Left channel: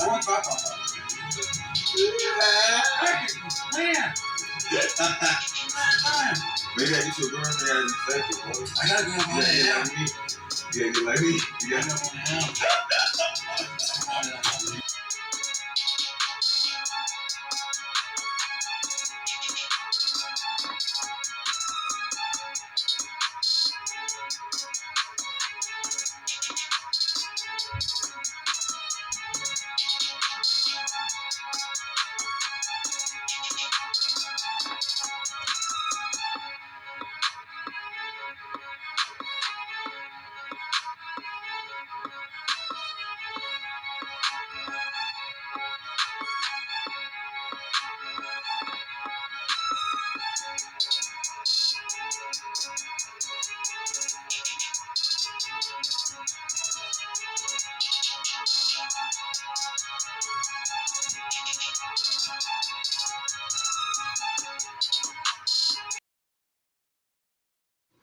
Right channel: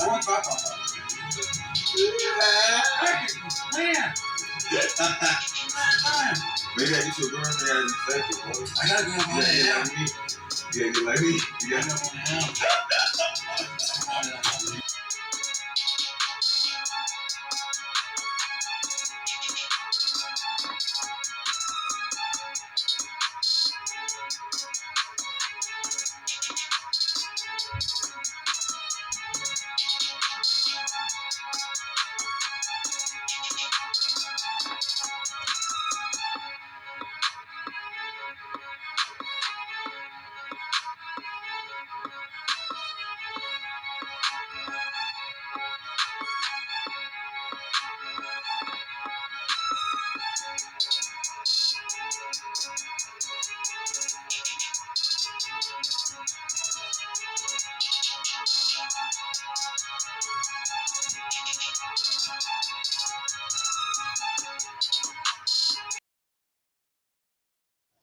Maybe I get your girl and I just say it, bro. I gotta get one now. You gotta get like me. You gotta get one now.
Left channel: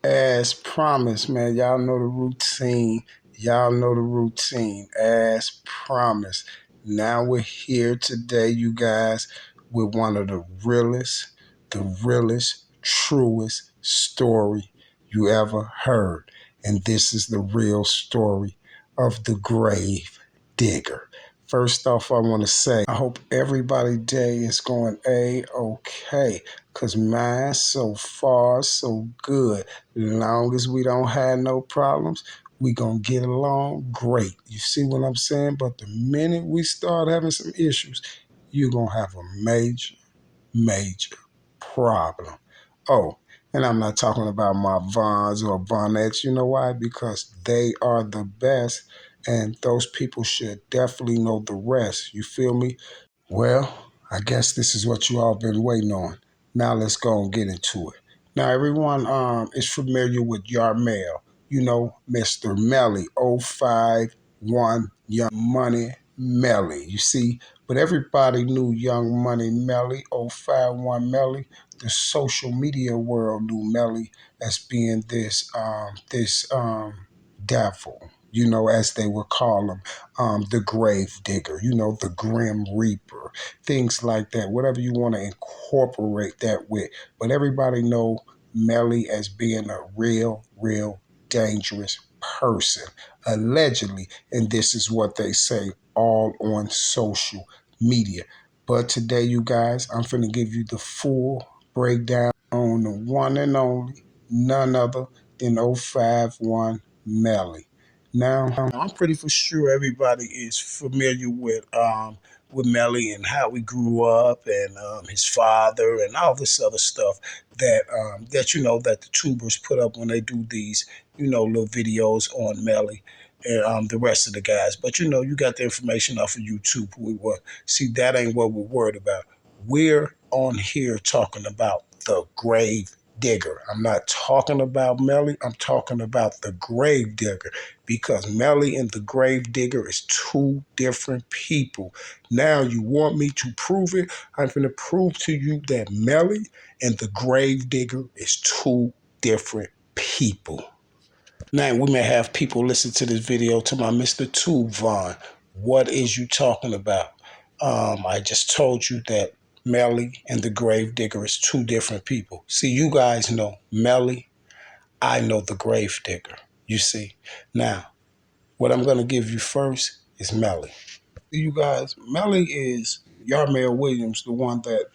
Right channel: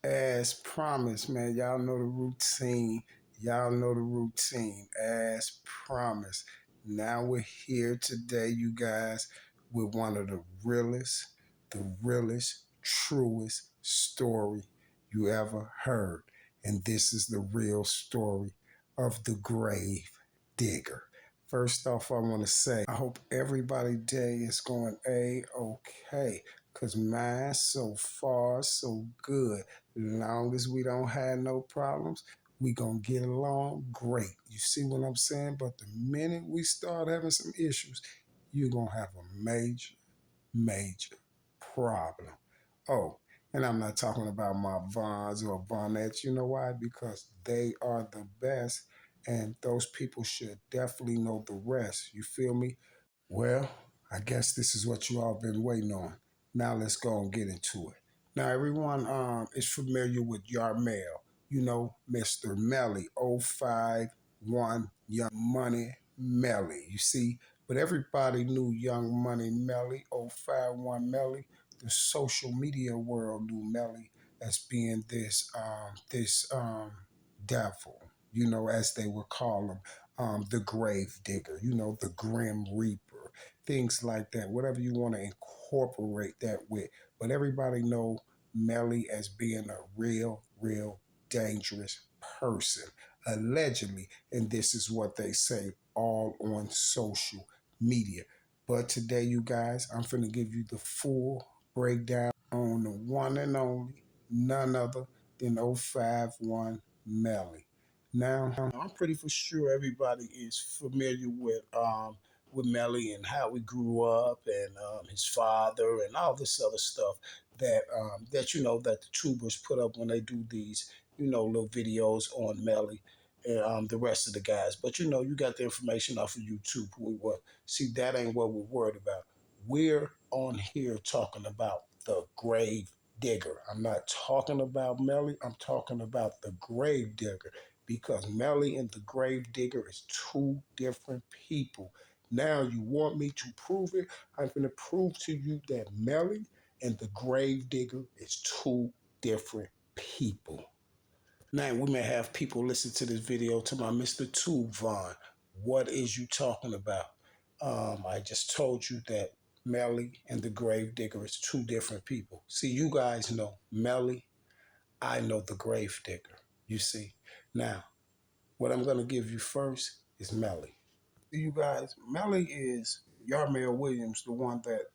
As promised, man, y'all know the routine. Y'all know the routine. As promised. Now we're here today, you guys, with one of the realest, truest story you ever heard. And this is the real story of the grave digger. First off, I want to say, I hope everybody's day is going A-okay, because mine so far, so good. As long as we don't have no problems, we gonna get along great. You see what I'm saying? But the minute we start having some issues, you're gonna have a major problem. Oh, and I'm not talking about my Vons or Vonnettes. You know why? Because they are the best, and those people should definitely know the rest. You feel me? Well, I guess this is what you all been waiting on. Now let's go and get into it. Now everyone is familiar with YarMel. You know, Mr. Melly, 051 Young Money Melly. You see, but everybody knew Young Money Melly, 051 Melly. The social media world knew Melly as being this devil, you know, as they would call him, the grave digger, you know, the grim reaper, things like that, whatever you want to incorporate that with. But everybody know Melly as being a real dangerous person, allegedly, and this is what they say all on social media. But today, you guys, I'm finna give you the full breakdown on the one and only, none other than 051 Melly. Now, I'm pretty for sure everybody is familiar with Melly and how he grew up and his father and all this other stuff that you know that the tubers put up when they do these little videos on Melly and the rest of the guys. But you know, you got the information off of YouTube. See, that ain't what we're worried about. We're on here talking about the grave digger. I'm not talking about Melly. I'm talking about the grave digger, because Melly and the grave digger is two different people. Now you want me to prove it? I'm going to prove to you that Melly and the grave digger is two different people. Now we may have people listen to this video to my Mr. Tube Vaughn. What is you talking about? I just told you that Melly and the grave digger is two different people. See, you guys know Melly. I know the grave digger. You see. Now, what I'm going to give you first is Melly. You guys, Melly is YarMel Williams, the one that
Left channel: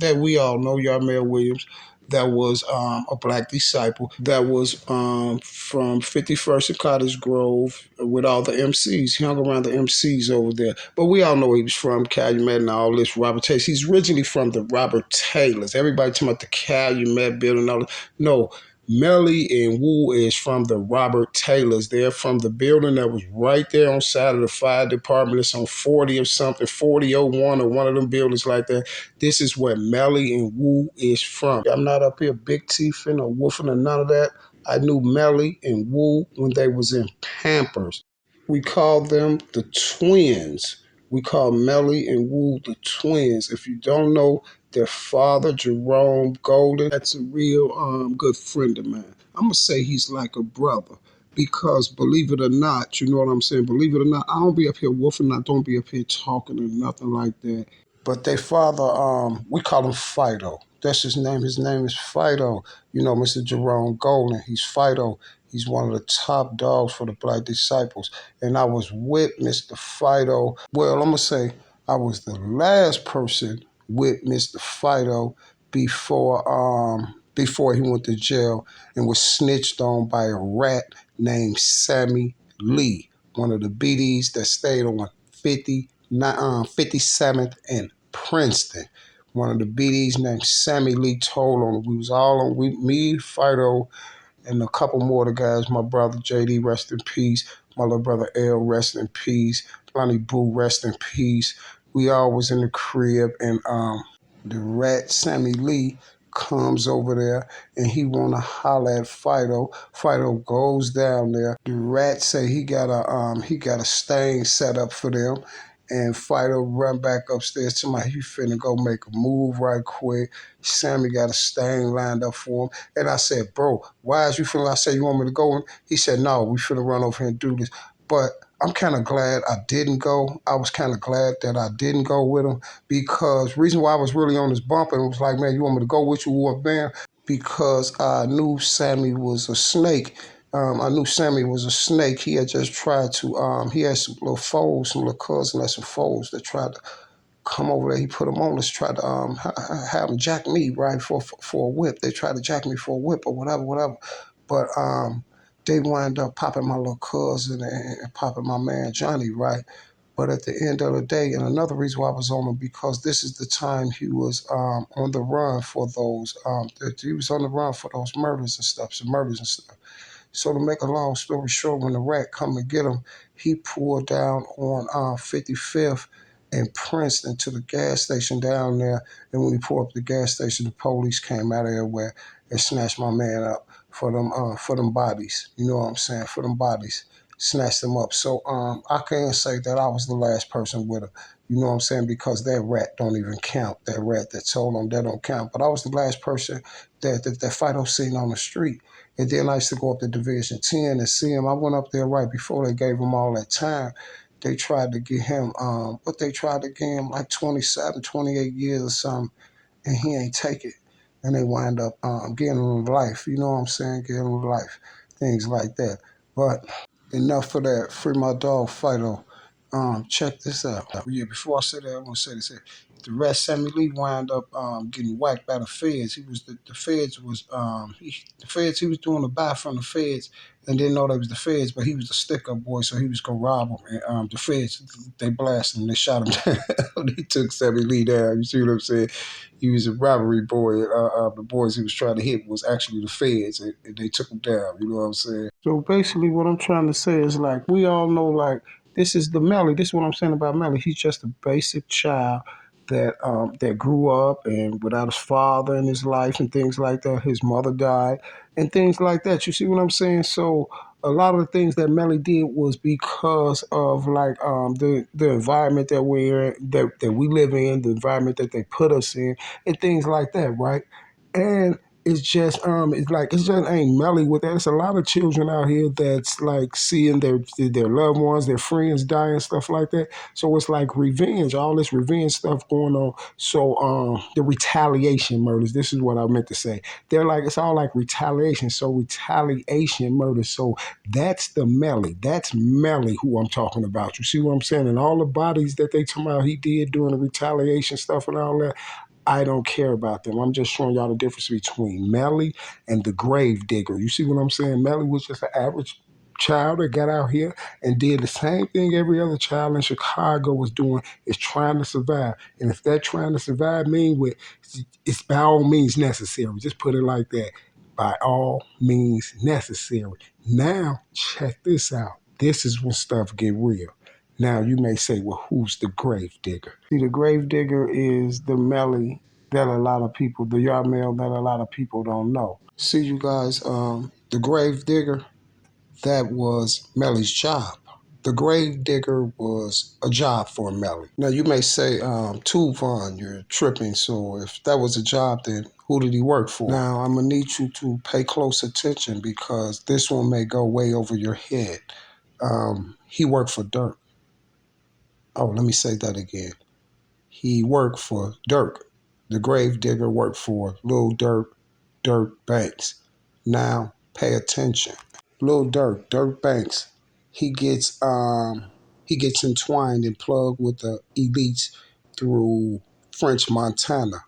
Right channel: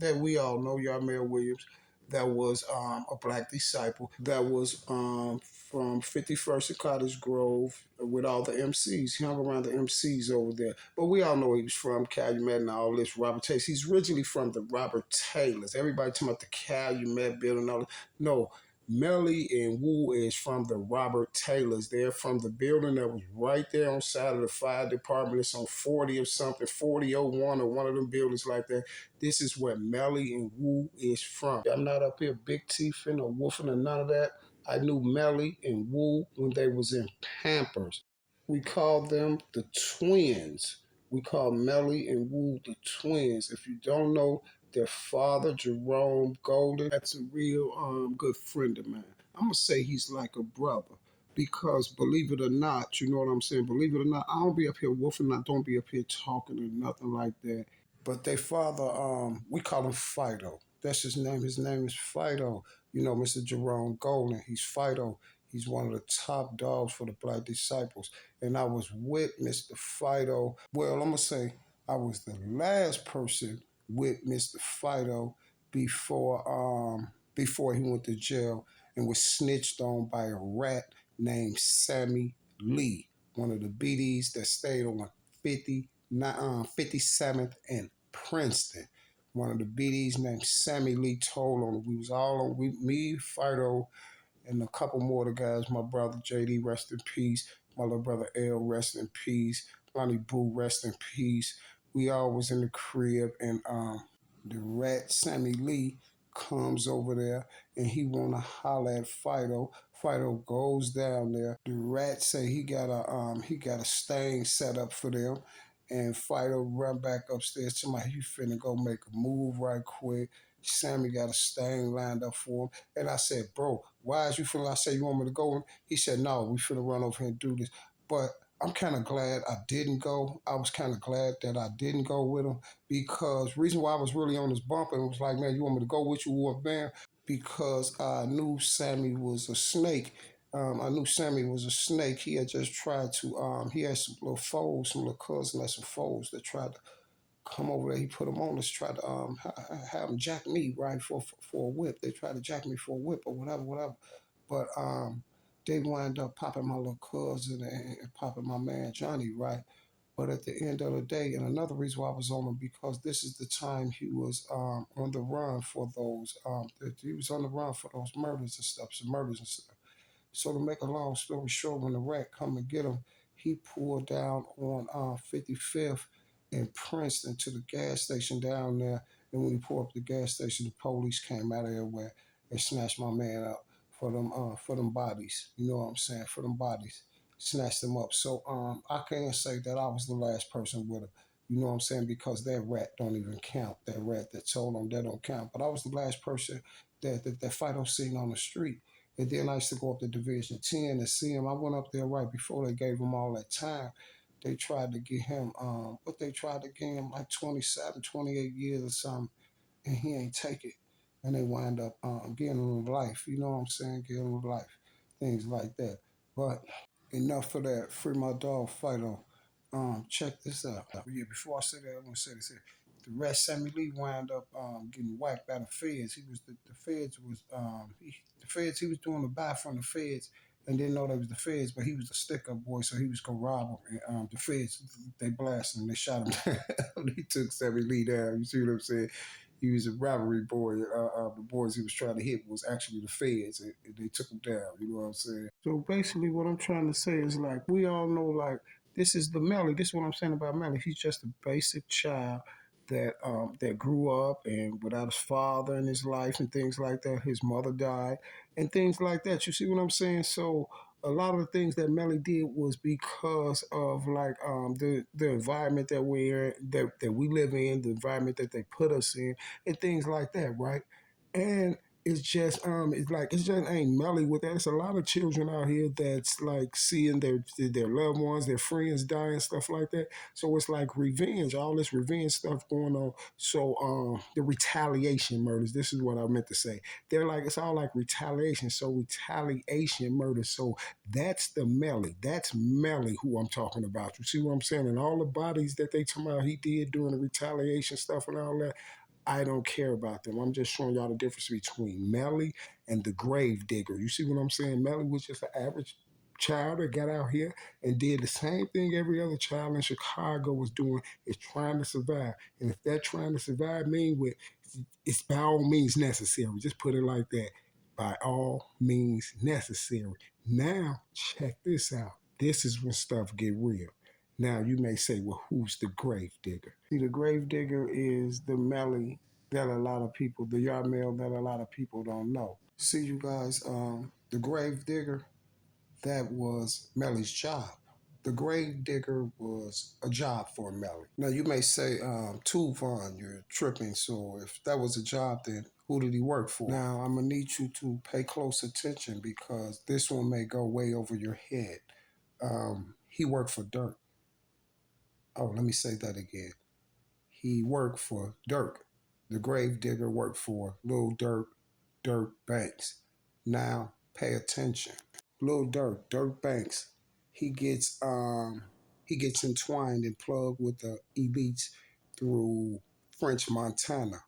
that we all know. YarMel Williams, that was a black disciple, that was from 51st and Cottage Grove with all the MCs. He hung around the MCs over there. But we all know he was from Calumet and all this Robert Taylor. He's originally from the Robert Taylors. Everybody talking about the Calumet building. All that. No, Melly and Wu is from the Robert Taylors. They're from the building that was right there on side of the fire department. It's on 40 or something, 4001 or one of them buildings like that. This is where Melly and Wu is from. I'm not up here big teething or woofing or none of that. I knew Melly and Wu when they was in Pampers. We called them the twins. We call Melly and Wu the twins. If you don't know, their father, Jerome Golden, that's a real good friend of mine. I'm going to say he's like a brother. Because believe it or not, you know what I'm saying? Believe it or not, I don't be up here woofing, I don't be up here talking or nothing like that. But their father, we call him Fido. That's his name. His name is Fido. You know, Mr. Jerome Golden. He's Fido. He's one of the top dogs for the Black Disciples. And I was with Mr. Fido. Well, I'm gonna say I was the last person with Mr. Fido before he went to jail and was snitched on by a rat named Sammy Lee, one of the BDs that stayed on 57th and Princeton. One of the BDs named Sammy Lee told on him. We was all on, me, Fido, and a couple more of the guys, my brother JD, rest in peace, my little brother L, rest in peace, Lonnie Boo, rest in peace. We all was in the crib, and the rat Sammy Lee comes over there and he wanna holler at Fido. Fido goes down there. The rat say he got a stain set up for them. And Fido run back upstairs to my he finna go make a move right quick. Sammy got a stain lined up for him. And I said, bro, why is you feeling? I said, you want me to go? He said, no, we finna run over here and do this. But I'm kind of glad I didn't go. I was kind of glad that I didn't go with him because reason why I was really on this bump and was like, man, you want me to go with you, what, man? Because I knew Sammy was a snake. I knew Sammy was a snake. He had just tried to, he had some little foes, some little cousins, like some foes that tried to come over there. He put them on us, tried to have them jack me, right, for a whip. They tried to jack me for a whip or whatever. But they wind up popping my little cousin and popping my man Johnny, right? But at the end of the day, and another reason why I was on him, because this is the time he was on the run for those, he was on the run for those murders and stuff, some murders and stuff. So to make a long story short, when the rat come and get him, he pulled down on 55th and Princeton to the gas station down there. And when he pulled up the gas station, the police came out of everywhere and snatched my man up for them bodies. You know what I'm saying? For them bodies, snatched them up. So I can't say that I was the last person with him. You know what I'm saying? Because that rat don't even count. That rat that told him that don't count. But I was the last person that Fido seen on the street. And then I used to go up to Division 10 and see him. I went up there right before they gave him all that time. They tried to get him, they tried to give him like 27, 28 years or something, and he ain't take it. And they wind up getting him life. You know what I'm saying? Getting him life. Things like that. But enough for that. Free my dog, Fido. Check this out. Yeah, before I say that, I want to say this here. The rest, Sammy Lee wound up getting whacked by the feds. He was the feds was he was doing a buy from the feds and didn't know that was the feds, but he was the stick up boy, so he was gonna rob him. And the feds they blasted him, they shot him down. They took Sammy Lee down. You see what I'm saying? He was a robbery boy. The boys he was trying to hit was actually the feds, and they took him down. You know what I'm saying? So basically, what I'm trying to say is like we all know like this is the Melly. This is what I'm saying about Melly. He's just a basic child that grew up and without his father in his life and things like that. His mother died and things like that. You see what I'm saying? So a lot of the things that Melly did was because of like the environment that that we live in, the environment that they put us in, and things like that, right? And it's just ain't Melly with that. It's a lot of children out here that's like seeing their loved ones, their friends die and stuff like that. So it's like revenge, all this revenge stuff going on. So the retaliation murders, this is what I meant to say. They're like it's all like retaliation. So retaliation murders. So that's the Melly. That's Melly who I'm talking about. You see what I'm saying? And all the bodies that they talking about he did doing the retaliation stuff and all that. I don't care about them. I'm just showing y'all the difference between Melly and the grave digger. You see what I'm saying? Melly was just an average child that got out here and did the same thing every other child in Chicago was doing, is trying to survive. And if that trying to survive means it's by all means necessary. Just put it like that. By all means necessary. Now, check this out. This is when stuff get real. Now you may say, well, who's the grave digger? See, the grave digger is the Melly that a lot of people, the YarMel that a lot of people don't know. See, you guys, the grave digger, that was Melly's job. The grave digger was a job for Melly. Now you may say, Tuvon, you're tripping. So if that was a job, then Who did he work for? Now, I'm going to need you to pay close attention because this one may go way over your head. He worked for Dirk. Oh, let me say that again. He worked for Dirk. The grave digger worked for Lil Dirk Banks. Now, pay attention. Lil Dirk Banks, he gets entwined and plugged with the elites through French Montana,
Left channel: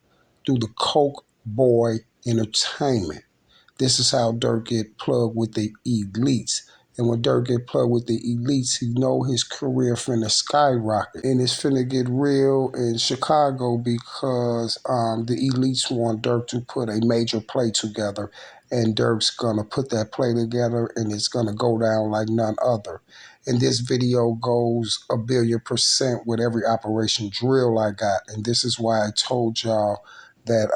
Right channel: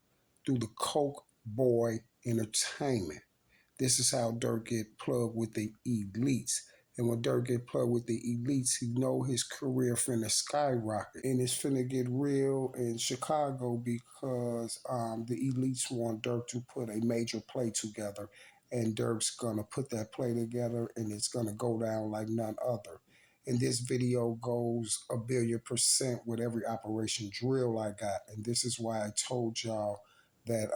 through the Coke Boy Entertainment. This is how Dirk get plugged with the elites. And when Dirk get plugged with the elites, he know his career finna skyrocket. And it's finna get real in Chicago because the elites want Dirk to put a major play together. And Dirk's gonna put that play together and it's gonna go down like none other. And this video goes 1,000,000,000% with every operation drill I got. And this is why I told y'all that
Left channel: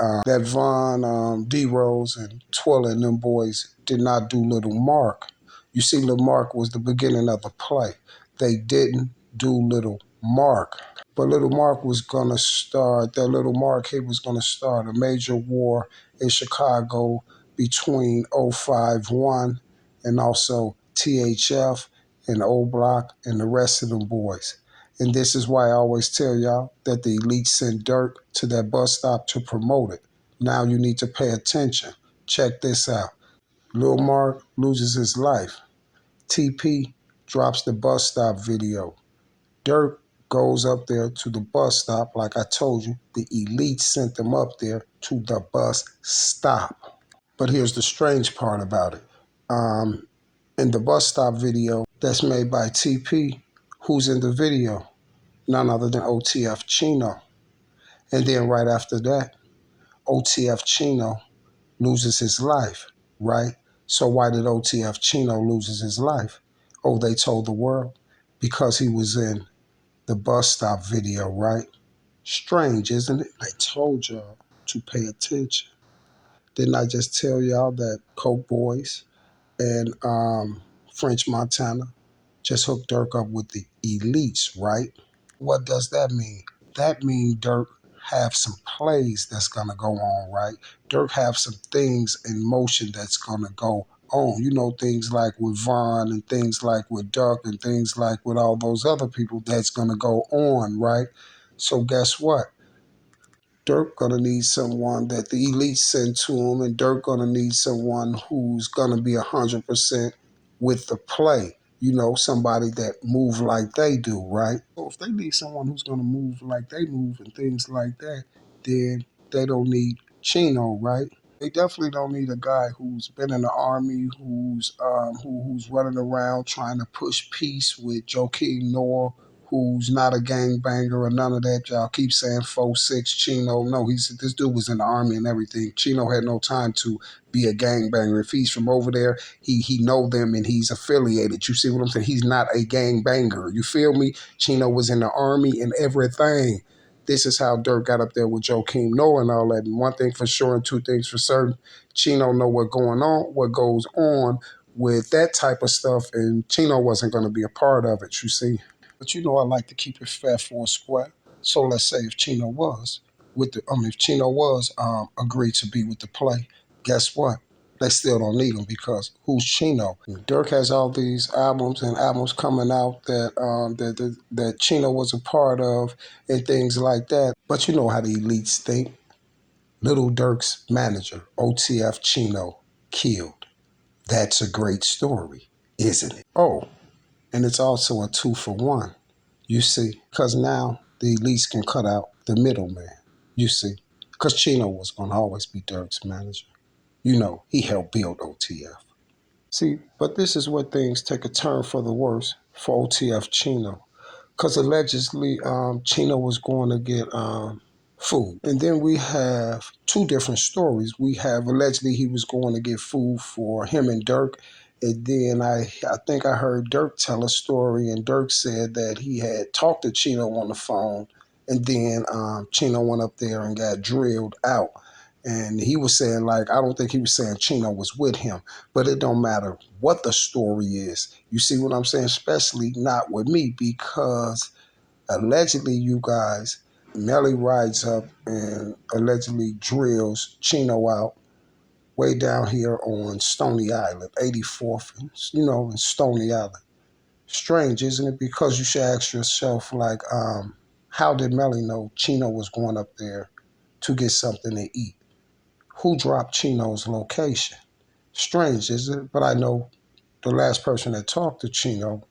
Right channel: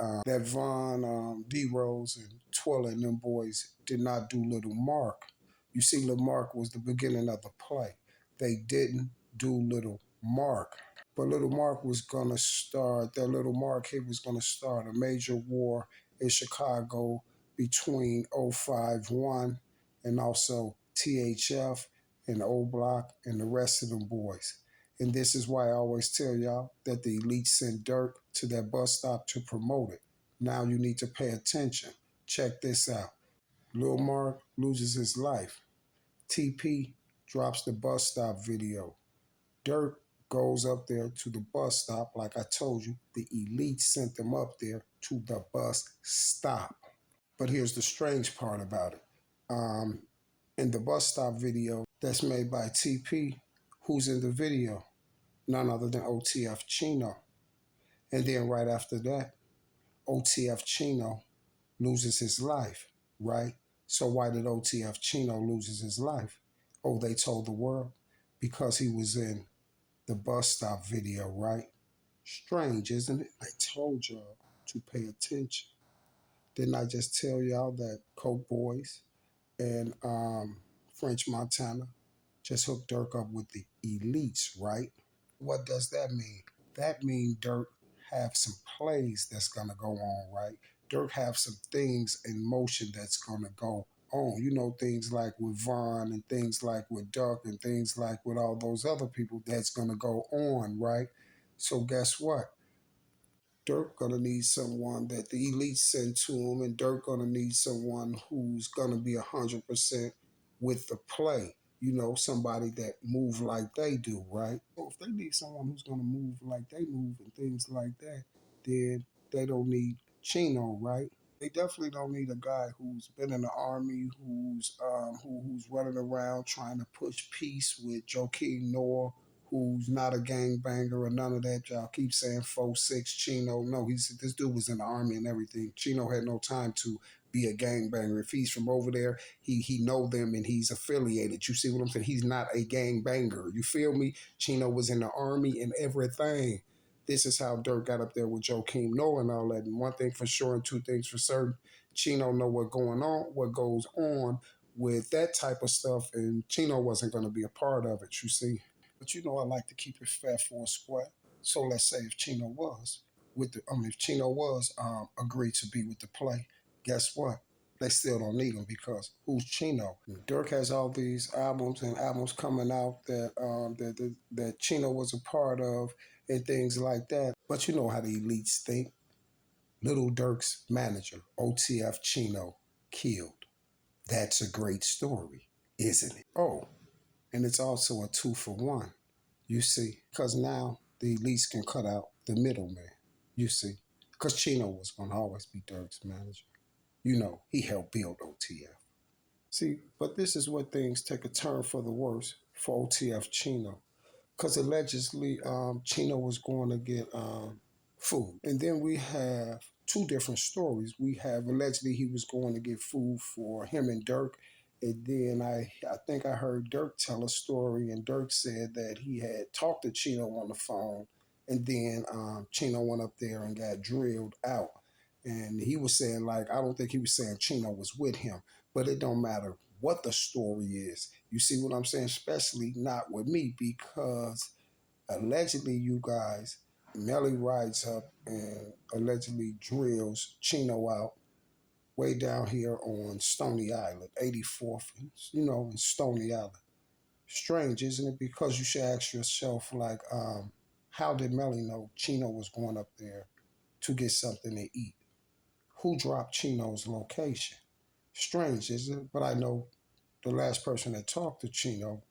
Von D Rose and Twilla and them boys did not do Little Mark. You see, Little Mark was the beginning of the play. They didn't do Little Mark. But Little Mark was gonna start, that Little Mark he was gonna start a major war in Chicago between 051 and also THF and O Block and the rest of them boys. And this is why I always tell y'all that the elite sent Dirk to that bus stop to promote it. Now you need to pay attention. Check this out. Lil Mark loses his life. TP drops the bus stop video. Dirk goes up there to the bus stop. Like I told you, the elite sent them up there to the bus stop. But here's the strange part about it. In the bus stop video that's made by TP, who's in the video? None other than OTF Chino. And then right after that, OTF Chino loses his life, right? So why did OTF Chino loses his life? Oh, they told the world because he was in the bus stop video, right? Strange, isn't it? I told y'all to pay attention. Didn't I just tell y'all that Coke Boys and French Montana just hooked Dirk up with the elites, right? What does that mean? That means Dirk have some plays that's gonna go on, right? Dirk have some things in motion that's gonna go on. You know, things like with Vaughn and things like with Duck and things like with all those other people that's gonna go on, right? So guess what? Dirk gonna need someone that the elite send to him, and Dirk gonna need someone who's gonna be 100% with the play. You know, somebody that move like they do, right? So if they need someone who's gonna move like they move and things like that, then they don't need Chino, right? They definitely don't need a guy who's been in the army, who's running around trying to push peace with Joakim Noah, who's not a gangbanger or none of that. Y'all keep saying 4'6" Chino. No, this dude was in the army and everything. Chino had no time to be a gangbanger. If he's from over there, he know them and he's affiliated. You see what I'm saying? He's not a gangbanger. You feel me? Chino was in the army and everything. This is how Dirk got up there with Joakim Noah and all that. And one thing for sure and two things for certain, Chino know what goes on with that type of stuff, and Chino wasn't going to be a part of it, you see. But you know I like to keep it fair for a square. So let's say if Chino was agreed to be with the play, guess what? They still don't need him because who's Chino? Dirk has all these albums and albums coming out that Chino was a part of and things like that. But you know how the elites think. Little Dirk's manager, OTF Chino, killed. That's a great story, isn't it? Oh, and it's also a 2-for-1. You see, because now the elites can cut out the middleman. You see, because Chino was going to always be Dirk's manager. You know, he helped build OTF. See, but this is where things take a turn for the worse for OTF Chino. Because allegedly, Chino was going to get food. And then we have two different stories. We have allegedly he was going to get food for him and Dirk. And then I think I heard Dirk tell a story, and Dirk said that he had talked to Chino on the phone, and then Chino went up there and got drilled out. And he was saying, like, I don't think he was saying Chino was with him, but it don't matter what the story is. You see what I'm saying? Especially not with me, because allegedly, you guys, Melly rides up and allegedly drills Chino out way down here on Stony Island, 84th, in Stony Island. Strange, isn't it? Because you should ask yourself, like, how did Melly know Chino was going up there to get something to eat? Who dropped Chino's location? Strange, isn't it? But I know the last person that talked to Chino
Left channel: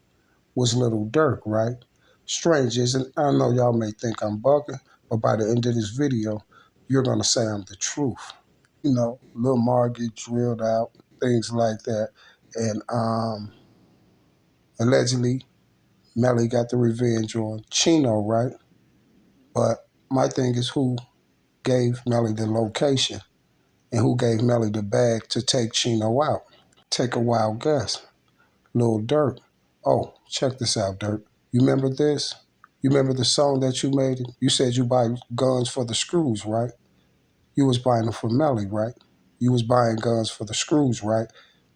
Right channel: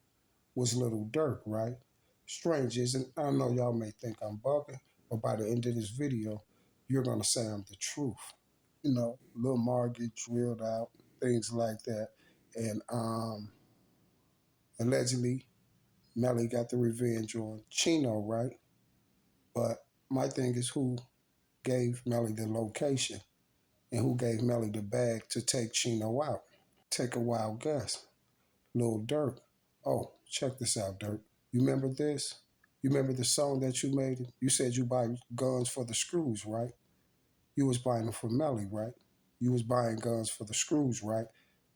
was Little Dirk, right? Strange, isn't it? I know y'all may think I'm bugging, but by the end of this video, you're going to say I'm the truth. Lil Mar get drilled out, things like that. And allegedly, Melly got the revenge on Chino, right? But my thing is who gave Melly the location and who gave Melly the bag to take Chino out? Take a wild guess. Lil Durk. Oh, check this out, Durk. You remember this? You remember the song that you made? You said you buy guns for the screws, right? You was buying them for Melly, right? You was buying guns for the screws, right?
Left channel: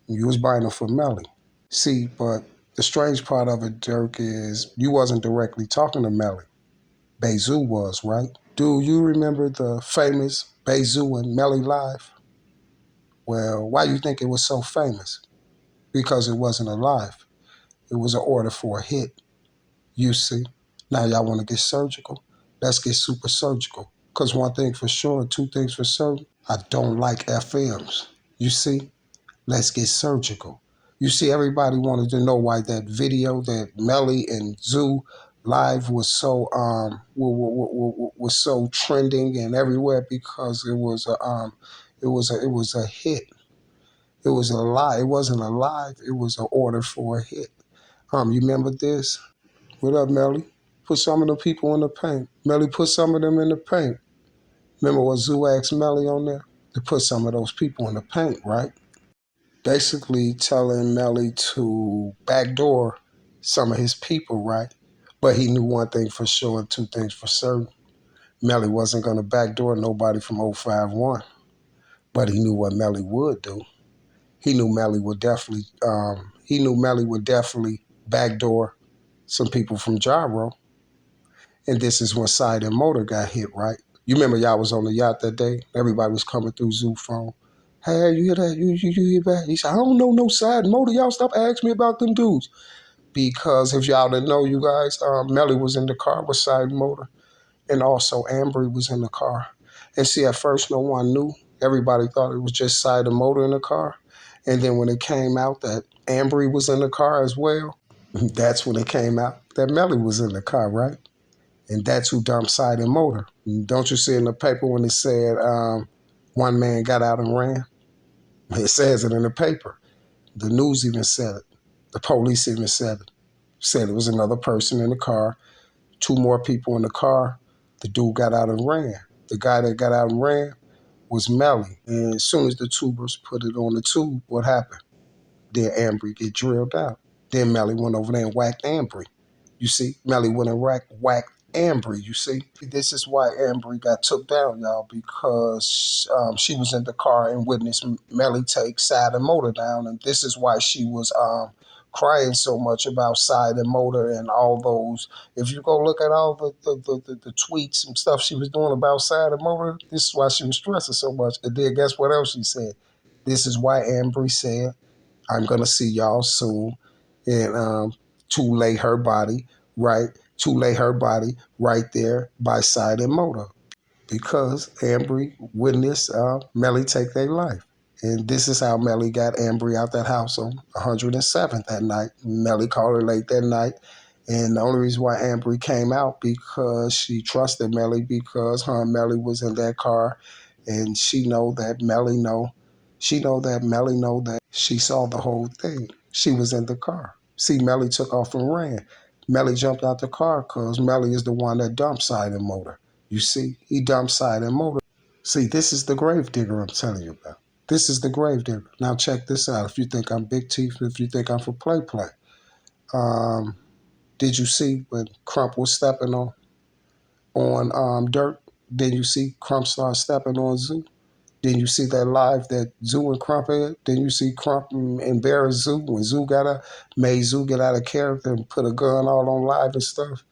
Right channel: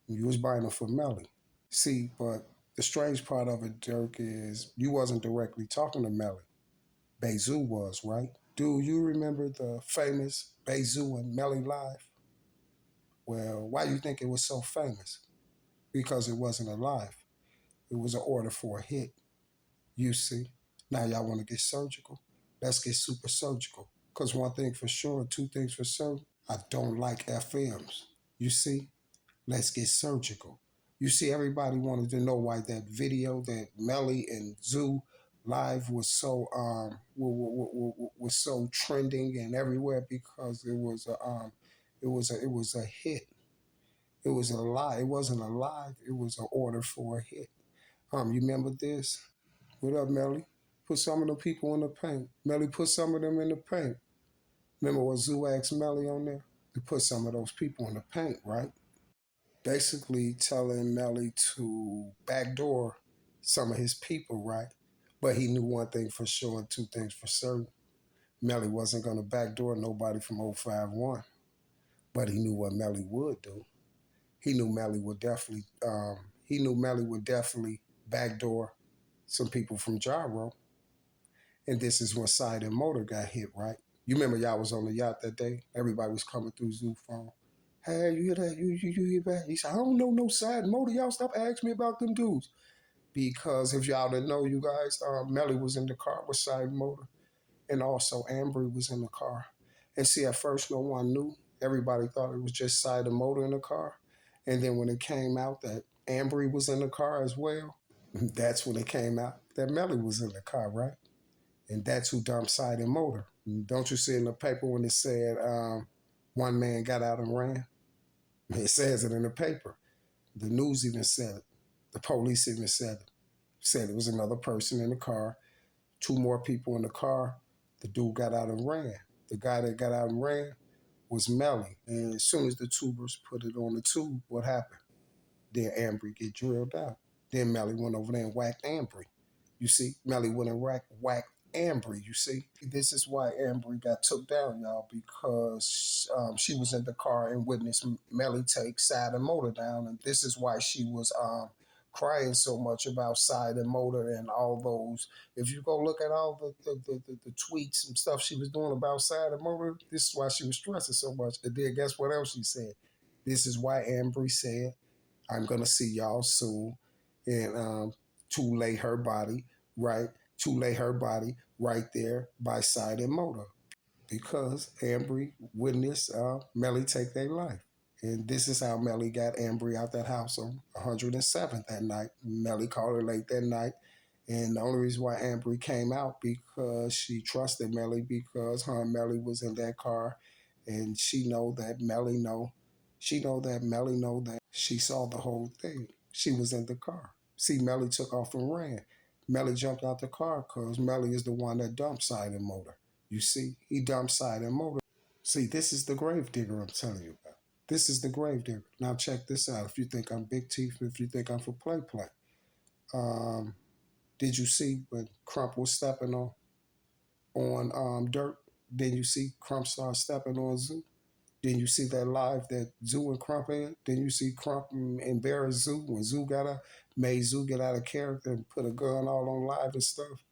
You was buying them for Melly. See, but the strange part of it, Dirk, is you wasn't directly talking to Melly. Bezu was, right? Do you remember the famous Bezu and Melly Live? Well, why you think it was so famous? Because it wasn't a live. It was an order for a hit, you see. Now y'all want to get surgical? Let's get super surgical. Because one thing for sure, two things for certain, I don't like FMs. You see? Let's get surgical. You see, everybody wanted to know why that video that Melly and Zoo live was so was so trending and everywhere because it was a hit. It was a lie. It wasn't a live. It was an order for a hit. You remember this? What up, Melly? Put some of the people in the paint. Melly put some of them in the paint. Remember what Zoo asked Melly on there? To put some of those people in the paint, right? Basically telling Melly to backdoor some of his people, right? But he knew one thing for sure and two things for certain. Melly wasn't going to backdoor nobody from 051, but he knew what Melly would do. He knew Melly would definitely backdoor some people from Gyro. And this is when Side and Motor got hit, right? You remember y'all was on the yacht that day? Everybody was coming through Zoo phone. Hey, you hear that? You hear that? He said, I don't know no Side and Motor. Y'all stop asking me about them dudes. Because if y'all didn't know, you guys, Melly was in the car with Side and Motor. And also Ambry was in the car. And see, at first no one knew. Everybody thought it was just Side and Motor in the car. And then when it came out that Ambry was in the car as well, that's when it came out that Melly was in the car, right? And that's who dumped Side and Motor. Don't you see in the paper when it said one man got out and ran? It says it in the paper. The news even said it. The police even said it. Said it was another person in the car, two more people in the car. The dude got out and ran. The guy that got out and ran was Melly. And as soon as the tubers put it on the tube, what happened? Then Ambry get drilled out. Then Melly went over there and whacked Ambry. You see, Melly went and whacked Ambry, you see. This is why Ambry got took down, y'all, because she was in the car and witnessed Melly take Side and Motor down. And this is why she was crying so much about Side and Motor and all those. If you go look at all the tweets and stuff she was doing about Side and Motor, this is why she was stressing so much. And then guess what else she said? This is why Ambry said, I'm going to see y'all soon. And to lay her body, right? To lay her body right there by Side and Motor. Because Ambry witnessed Melly take their life. And this is how Melly got Ambry out that house on 107th that night. Melly called her late that night. And the only reason why Ambry came out because she trusted Melly because her and Melly was in that car. And she know that Melly know. She know that Melly know that she saw the whole thing. She was in the car. See, Melly took off and ran. Melly jumped out the car because Melly is the one that dumped Side and Motor. You see, he dumped Side and Motor. See, this is the grave digger I'm telling you about. This is the grave digger. Now check this out. If you think I'm big teeth, if you think I'm for play. Did you see when Crump was stepping on Dirt? Then you see Crump start stepping on Zoo? Then you see that live that Zoo and Crump had. Then you see Crump embarrass Zoo when Zoo made Zoo get out of character and put a gun all on live and stuff.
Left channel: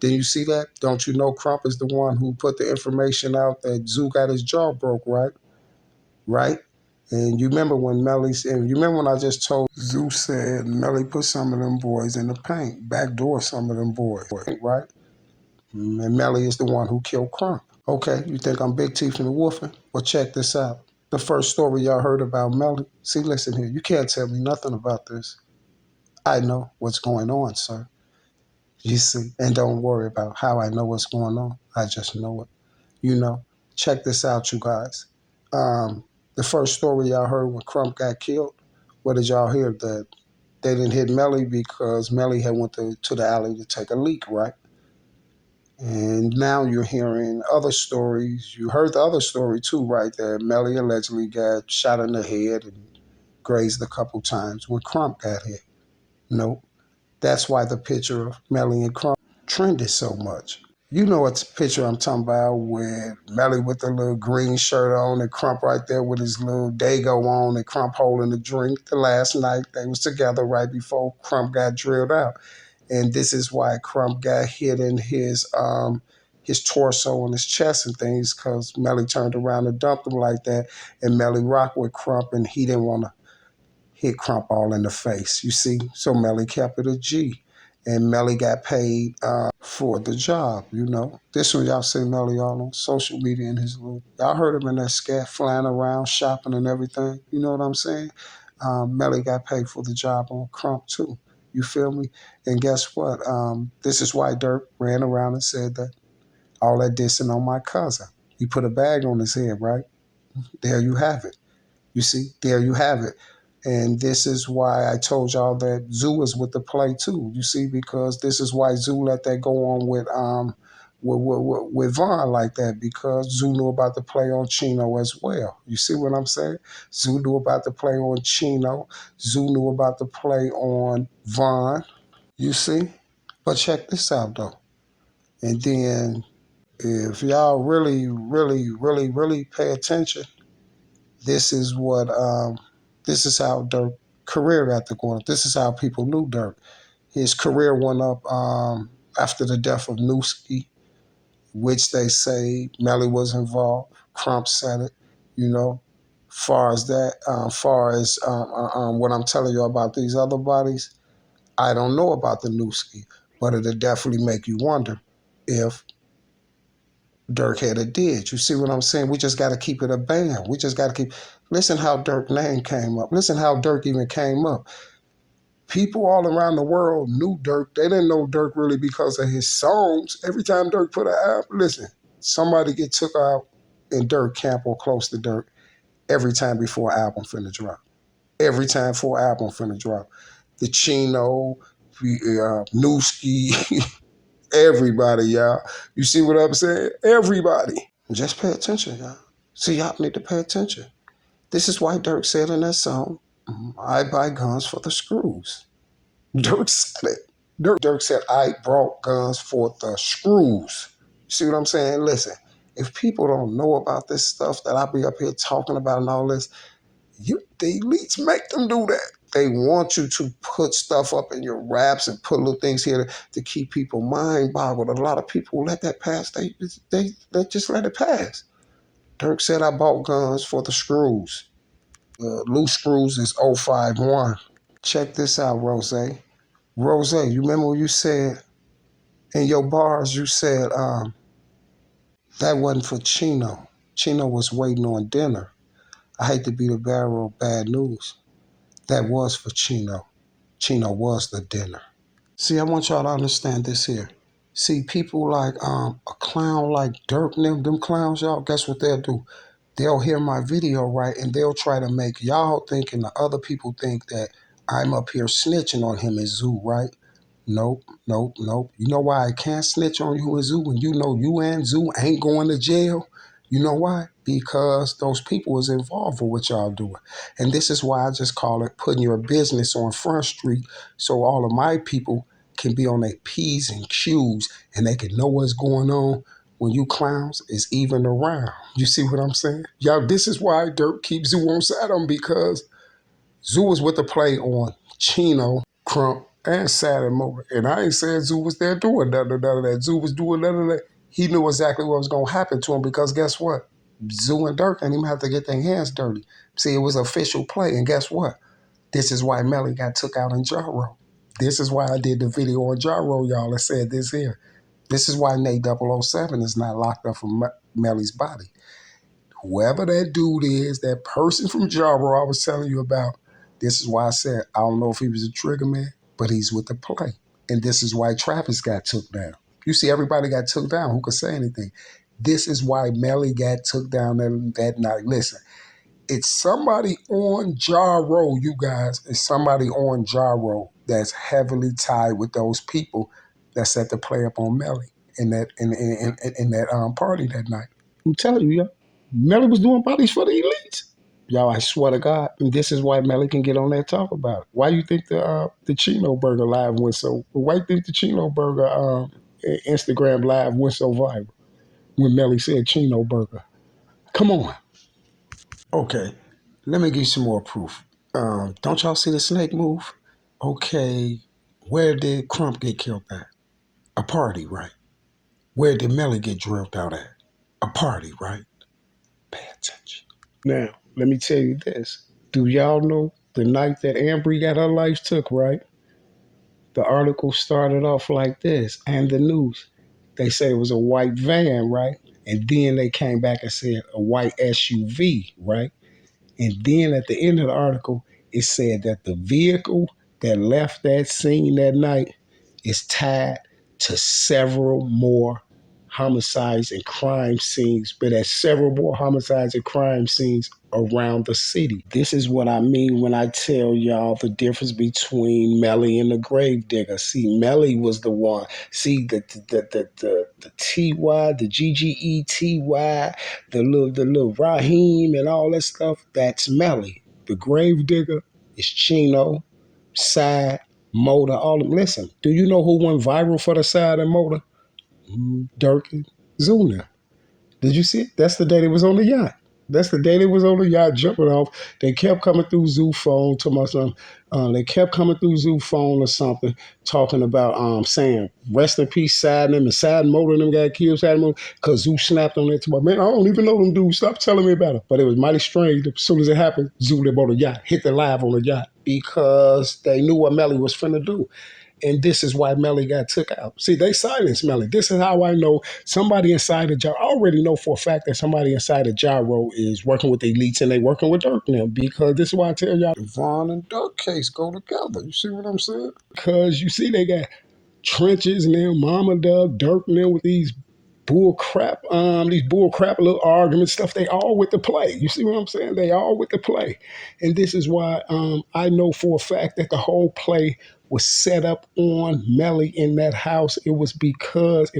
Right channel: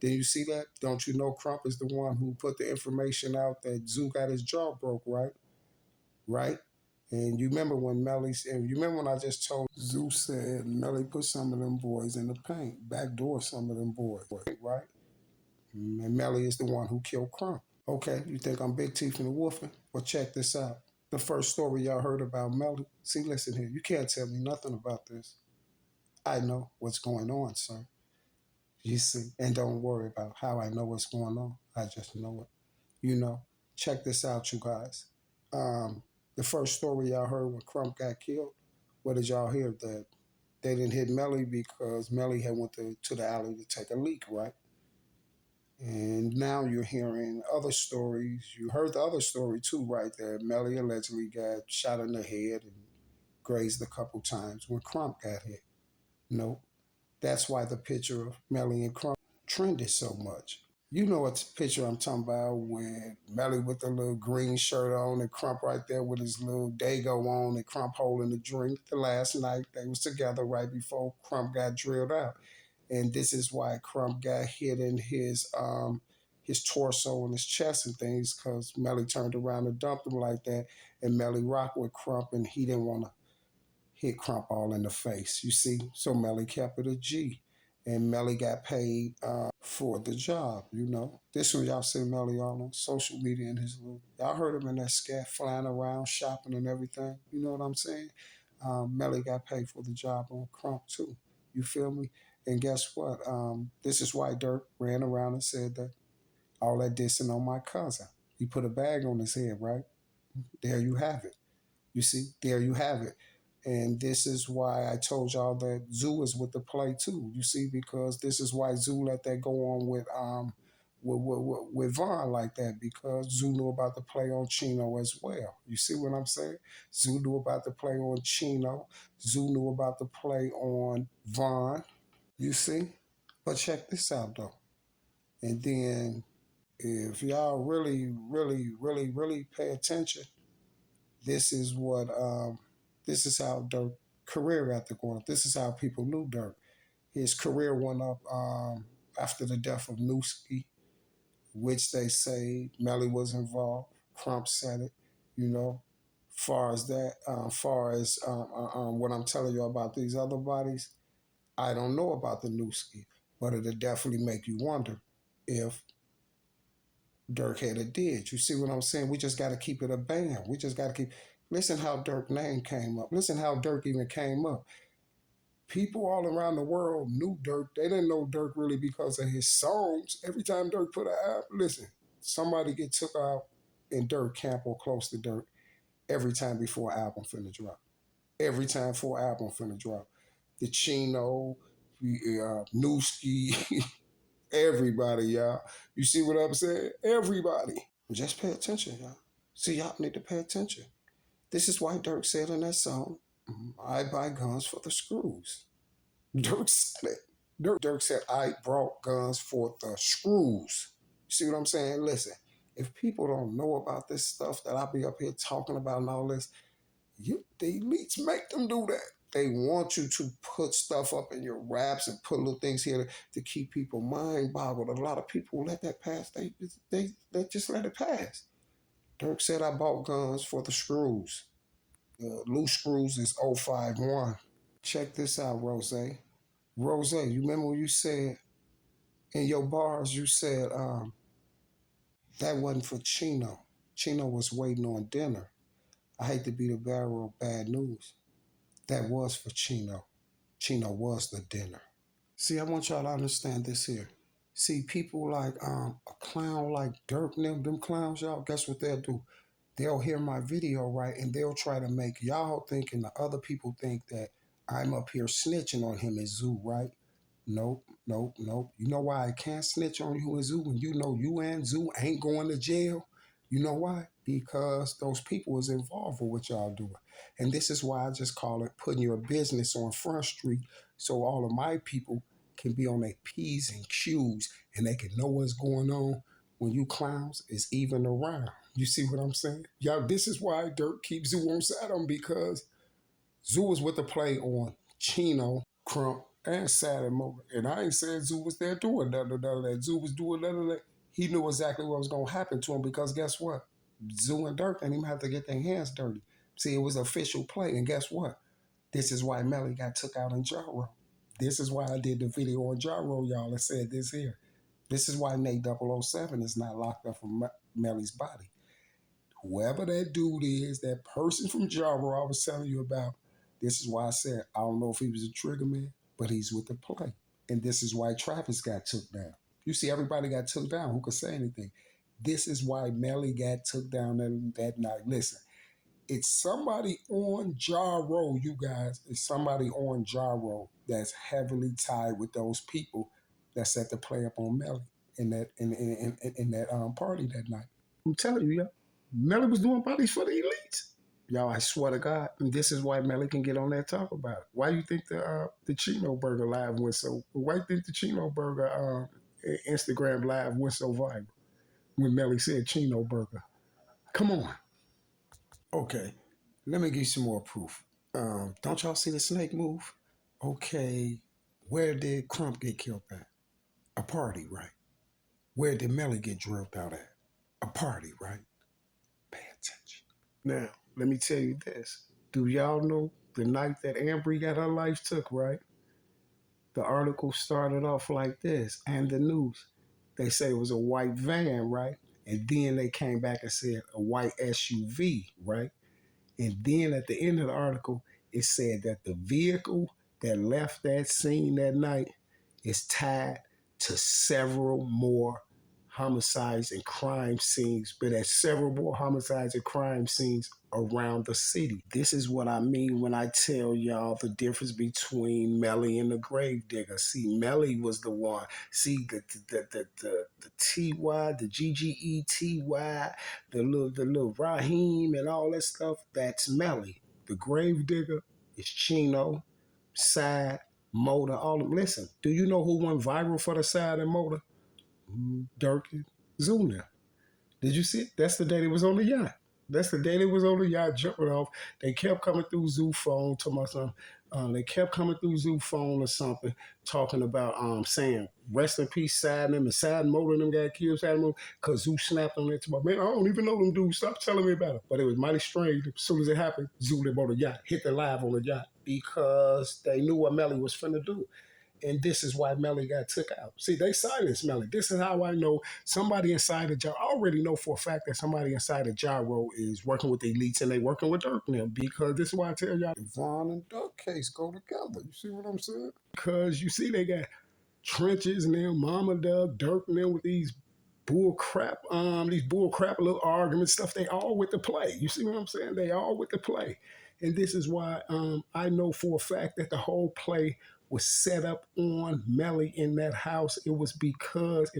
Then you see that? Don't you know Crump is the one who put the information out that Zoo got his jaw broke, right? Right? And you remember when I just told Zoo said Melly put some of them boys in the paint, backdoor some of them boys, right? And Melly is the one who killed Crump. Okay, you think I'm Big Teeth and the Wolfing? Well, check this out. The first story y'all heard about Melly. See, listen here. You can't tell me nothing about this. I know what's going on, sir. You see, and don't worry about how I know what's going on. I just know it. You know, check this out, you guys. The first story y'all heard when Crump got killed, what did y'all hear? That they didn't hit Melly because Melly had went to the alley to take a leak, right? And now you're hearing other stories. You heard the other story too, right? That Melly allegedly got shot in the head and grazed a couple times when Crump got hit. Nope. That's why the picture of Melly and Crump trended so much. You know what picture I'm talking about, with Melly with the little green shirt on and Crump right there with his little Dago on and Crump holding the drink. The last night they was together right before Crump got drilled out. And this is why Crump got hit in his torso and his chest and things, because Melly turned around and dumped him like that. And Melly rocked with Crump and he didn't want to hit Crump all in the face, you see? So Melly kept it a G. And Melly got paid for the job, you know. This one y'all see Melly all on social media in his little, y'all heard him in that scat flying around, shopping and everything. You know what I'm saying? Melly got paid for the job on Crump too. You feel me? And guess what? This is why Dirk ran around and said that all that dissing on my cousin. He put a bag on his head, right? There you have it. You see, there you have it. And this is why I told y'all that Zoo is with the play too. You see, because this is why Zoo let that go on with Vaughn like that, because Zoo knew about the play on Chino as well. You see what I'm saying? Zoo knew about the play on Chino. Zoo knew about the play on Vaughn. You see? But check this out though. And then if y'all really, really, really, really pay attention, this is how Dirk career got to go up. This is how people knew Dirk. His career went up after the death of Newski, which they say Melly was involved. Crump said it, you know. Far as what I'm telling you about these other bodies, I don't know about the Newski, but it'll definitely make you wonder if Dirk had a did. You see what I'm saying? We just got to keep it a band. We just got to keep. Listen how Dirk's name came up. Listen how Dirk even came up. People all around the world knew Dirk. They didn't know Dirk really because of his songs. Every time Dirk put an album, listen, somebody get took out in Dirk camp or close to Dirk every time before an album finna drop. Every time for an album finna drop. The Chino, Newski, everybody, y'all. You see what I'm saying? Everybody. Just pay attention, y'all. See, y'all need to pay attention. This is why Dirk said in that song, I buy guns for the screws. Dirk said it. Dirk said, I brought guns for the screws. You see what I'm saying? Listen, if people don't know about this stuff that I be up here talking about and all this, the elites make them do that. They want you to put stuff up in your raps and put little things here to keep people mind boggled. A lot of people let that pass. They just let it pass. Dirk said, I bought guns for the screws. Loose screws is 051. Check this out, Rose. Rose, you remember what you said in your bars? You said that wasn't for Chino. Chino was waiting on dinner. I hate to be the bearer of bad news. That was for Chino. Chino was the dinner. See, I want y'all to understand this here. See, people like a clown like Dirk, them clowns, y'all, guess what they'll do? They'll hear my video, right, and they'll try to make y'all think and the other people think that I'm up here snitching on him and Zoo, right? Nope, nope, nope. You know why I can't snitch on you and Zoo when you know you and Zoo ain't going to jail? You know why? Because those people is involved with what y'all doing. And this is why I just call it putting your business on Front Street, so all of my people can be on their P's and Q's and they can know what's going on when you clowns is even around. You see what I'm saying? Y'all, this is why Dirk keeps Zoo on side of him, because Zoo was with the play on Chino, Crump, and sad and motor. And I ain't saying Zoo was there doing none of that. Zoo was doing none of that. He knew exactly what was going to happen to him because guess what? Zoo and Dirk didn't even have to get their hands dirty. See, it was official play. And guess what? This is why Melly got took out in Jaro. This is why I did the video on Jaro, y'all, and said this here. This is why Nate 007 is not locked up from Melly's body. Whoever that dude is, that person from Jaro I was telling you about, this is why I said, I don't know if he was a trigger man, but he's with the play. And this is why Travis got took down. You see, everybody got took down. Who could say anything? This is why Melly got took down that night. Listen, it's somebody on Jaro, you guys. It's somebody on Jaro that's heavily tied with those people that set the play up on Melly in that party that night. I'm telling you, y'all. Melly was doing bodies for the elites. Y'all, I swear to God, and this is why Melly can get on there and talk about it. Why you think the Chino Burger live went so? Why you think the Chino Burger Instagram live went so viral when Melly said Chino Burger? Come on. Okay, let me give you some more proof. Don't y'all see the snake move? Okay, where did Crump get killed at? A party, right? Where did Melly get drilled out at? A party, right? Pay attention. Now, let me tell you this. Do y'all know the night that Ambry got her life took, right? The article started off like this, and the news. They say it was a white van, right? And then they came back and said a white SUV, right? And then at the end of the article, it said that the vehicle that left that scene that night is tied to several more homicides and crime scenes, but at several more homicides and crime scenes around the city. This is what I mean when I tell y'all the difference between Melly and the Gravedigger. See, Melly was the one. See, the TY, the GGETY, the little Raheem and all that stuff, that's Melly. The Gravedigger is Chino, Side, Motor, all of them. Listen, do you know who went viral for the Side and Motor? Dirk and Zuna. Did you see it? That's the day they was on the yacht. That's the day they was on the yacht jumping off. They kept coming through Zoo phone to my son. They kept coming through Zoo phone or something, talking about saying rest in peace, Side and them, and Side and Motor and them got killed, Side and Motor, because Zoo snapped on it to my man. I don't even know them dudes. Stop telling me about it. But it was mighty strange. As soon as it happened, Zoo they bought a yacht, hit the live on the yacht because they knew what Melly was finna do. And this is why Melly got took out. See, they silenced Melly. This is how I know somebody inside of Gyro. I already know for a fact that somebody inside of Gyro is working with the elites and they working with Dirk now. Because this is why I tell y'all the Vaughn and Dirk case go together. You see what I'm saying? Because you see they got trenches now, Mama Doug, Dirk now with these these bull crap little arguments, stuff, they all with the play. You see what I'm saying? They all with the play. And this is why I know for a fact that the whole play was set up on Melly in that house. It wasn't because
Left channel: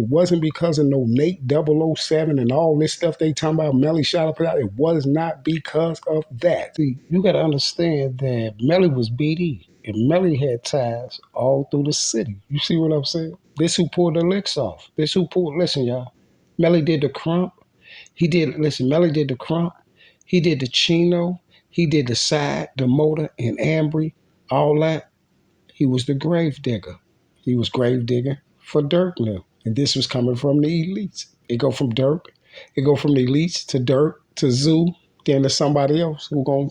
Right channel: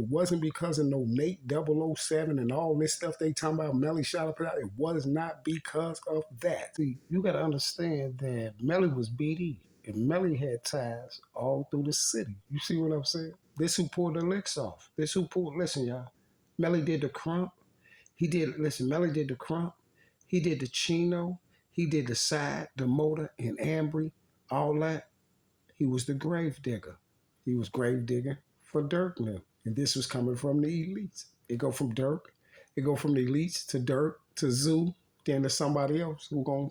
of no Nate 007 and all this stuff they talking about Melly shot up out. It was not because of that. See, you got to understand that Melly was BD. And Melly had ties all through the city. You see what I'm saying? This who pulled the licks off. Listen, y'all. Melly did the crump. Melly did the crump. He did the chino. He did the side, the motor, and Ambry, all that. He was the grave digger. He was grave digger for Dirk now. And this was coming from the elites. It go from Dirk. It go from the elites to Dirk to Zoo, then to somebody else who gonna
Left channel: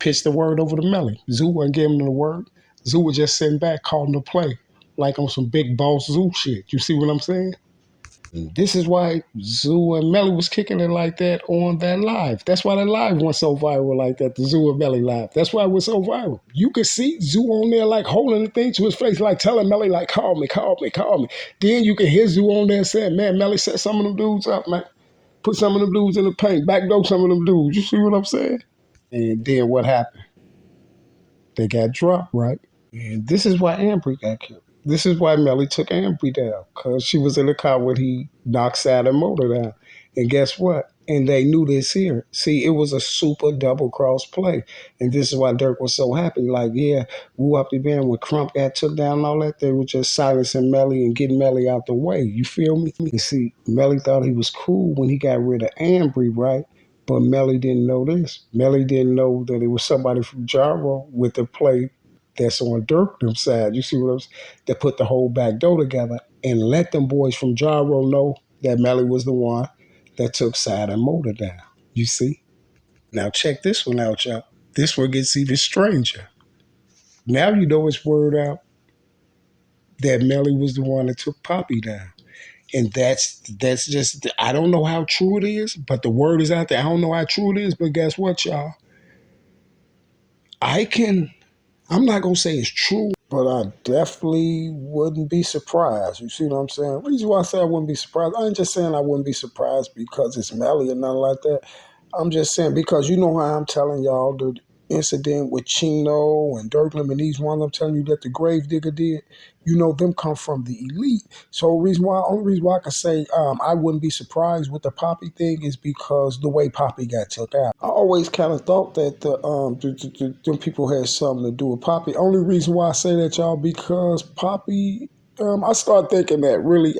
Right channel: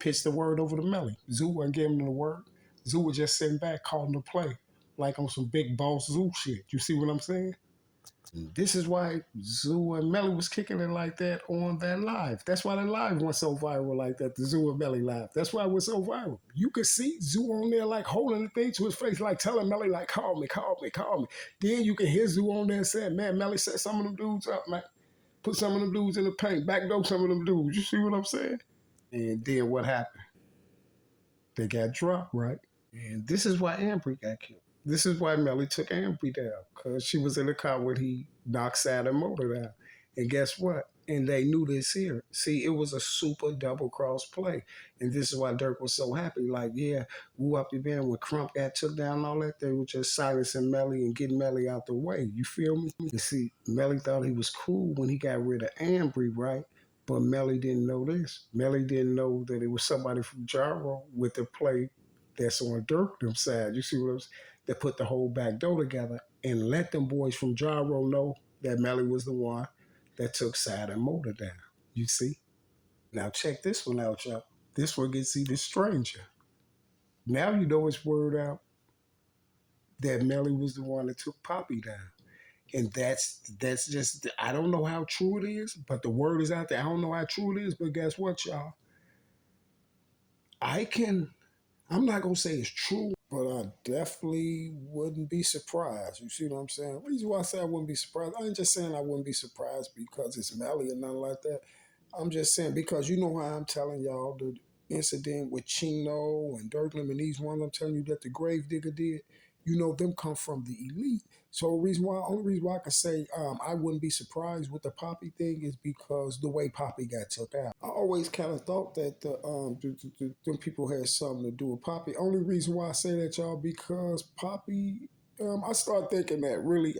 pitch the word over to Melly. Zoo wasn't giving him the word. Zoo was just sitting back calling the play like on some big boss Zoo shit. You see what I'm saying? This is why Zoo and Melly was kicking it like that on that live. That's why that live went so viral like that, the Zoo and Melly live. That's why it was so viral. You could see Zoo on there like holding the thing to his face, like telling Melly, like, call me, call me, call me. Then you can hear Zoo on there saying, man, Melly set some of them dudes up, man. Put some of them dudes in the paint, backdoor some of them dudes. You see what I'm saying? And then what happened? They got dropped, right? And this is why Ambry got killed. This is why Melly took Ambry down, because she was in the car when he knocked Saturn Motor down. And guess what? And they knew this here. See, it was a super double cross play. And this is why Dirk was so happy. Like, yeah, woo up the band when Crump got took down and all that, they were just silencing Melly and getting Melly out the way. You feel me? And see, Melly thought he was cool when he got rid of Ambry, right? But Melly didn't know this. Melly didn't know that it was somebody from Jaro with the play that's on Dirk them side. You see what I'm saying? That put the whole back door together and let them boys from Gyro know that Melly was the one that took side and motor down. You see? Now check this one out, y'all. This one gets even stranger. Now you know it's word out that Melly was the one that took Poppy down. And that's just I don't know how true it is, but the word is out there. I don't know how true it is, but guess what, y'all? I'm not gonna say it's true, but I definitely wouldn't be surprised. You see what I'm saying? The reason why I say I wouldn't be surprised, I ain't just saying I wouldn't be surprised because it's Melly or nothing like that. I'm just saying because you know how I'm telling y'all the incident with Chino and Dirklam and these ones I'm telling you that the grave digger did, you know them come from the elite. So only reason why I can say I wouldn't be surprised with the Poppy thing is because the way Poppy got took out. I always kind of thought that them people had something to do with Poppy. Only reason why I say that, y'all, because Poppy. I started thinking that really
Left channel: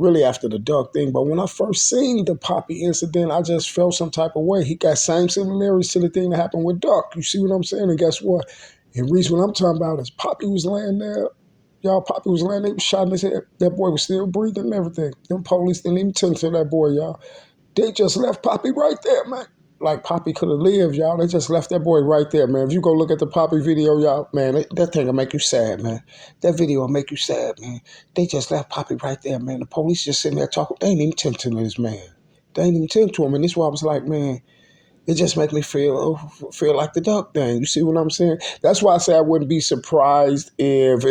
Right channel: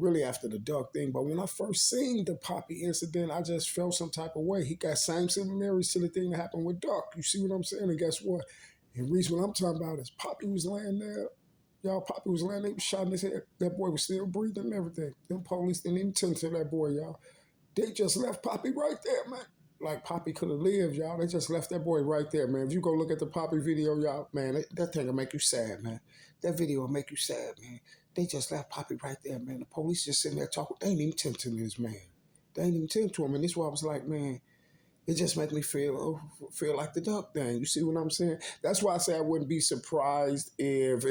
really after the Duck thing. But when I first seen the Poppy incident, I just felt some type of way. He got same similarities to the thing that happened with Duck. You see what I'm saying? And guess what? And the reason what I'm talking about is Poppy was laying there. Y'all, Poppy was laying there, was shot in his head. That boy was still breathing and everything. Them police didn't even tend to that boy, y'all. They just left Poppy right there, man. Like Poppy could have lived, y'all. They just left that boy right there, man. If you go look at the Poppy video, y'all, man, that thing will make you sad, man. That video will make you sad, man. They just left Poppy right there, man. The police just sitting there talking. They ain't even tend to this man. They ain't even tend to him. And this is why I was like, man, it just make me feel like the Duck thing. You see what I'm saying? That's why I say I wouldn't be surprised if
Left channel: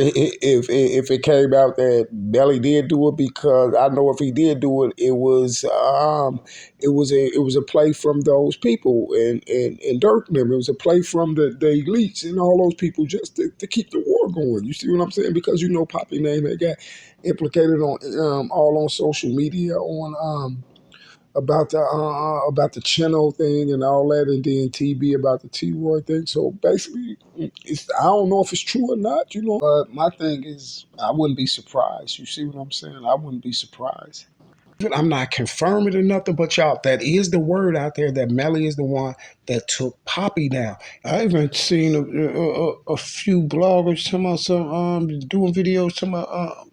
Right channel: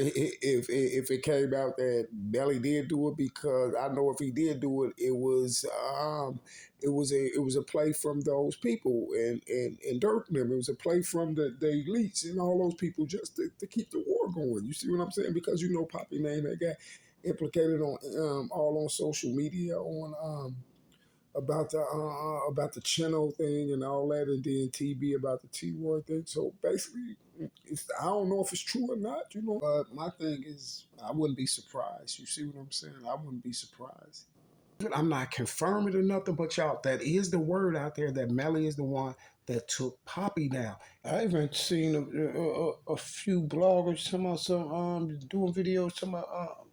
it came out that Melly did do it, because I know if he did do it, it was a play from those people and Dirk and them. It was a play from the elites and all those people just to keep the war going. You see what I'm saying? Because you know Poppy name had got implicated on all on social media on about the Chino thing and all that, and then TB about the T-Roy thing. So basically, I don't know if it's true or not, you know. But my thing is, I wouldn't be surprised. You see what I'm saying? I wouldn't be surprised. I'm not confirming or nothing, but y'all, that is the word out there that Melly is the one that took Poppy down. I even seen a few bloggers talking about some doing videos talking about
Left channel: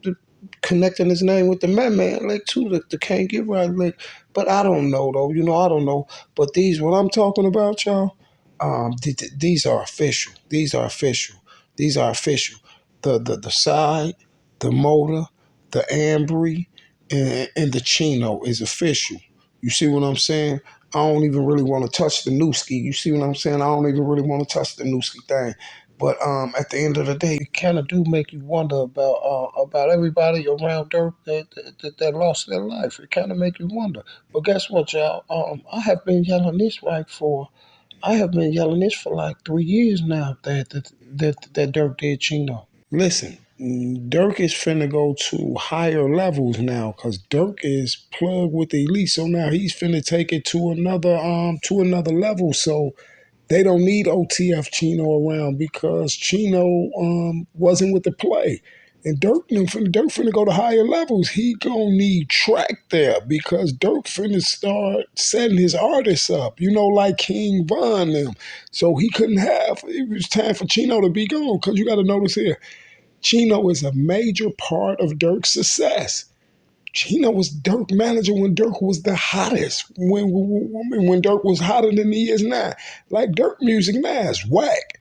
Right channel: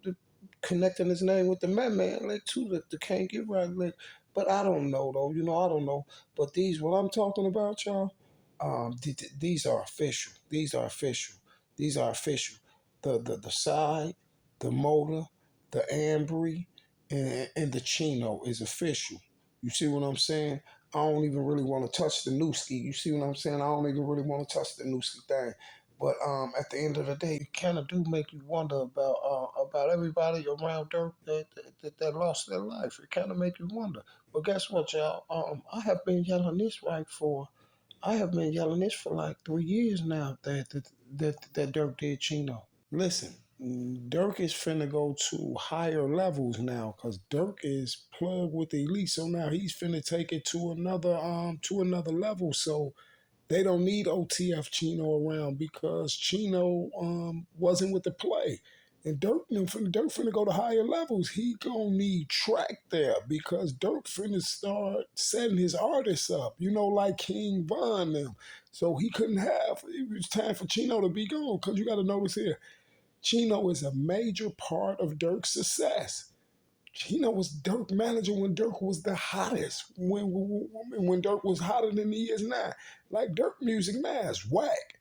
connecting his name with the man like too the can't get right like, but I don't know though. You know I don't know. But these what I'm talking about, y'all. These are official. These are official. These are official. The side, the motor, the Ambry and the Chino is official. You see what I'm saying? I don't even really want to touch the Newski. You see what I'm saying? I don't even really want to touch the Newski thing. But at the end of the day, it kind of do make you wonder about everybody around Dirk that lost their life. It kind of make you wonder. But guess what, y'all? I have been yelling this for like 3 years now that Dirk did Chino. Listen, Dirk is finna go to higher levels now because Dirk is plugged with the elite. So now he's finna take it to another level. So they don't need OTF Chino around because Chino wasn't with the play. And Dirk finna go to higher levels. He gonna need track there because Dirk finna start setting his artists up, you know, like King Von them. So he couldn't have, it was time for Chino to be gone because you gotta notice here, Chino is a major part of Dirk's success. Chino was Dirk manager when Dirk was the hottest. When Dirk was hotter than he is now. Like Dirk music now is whack.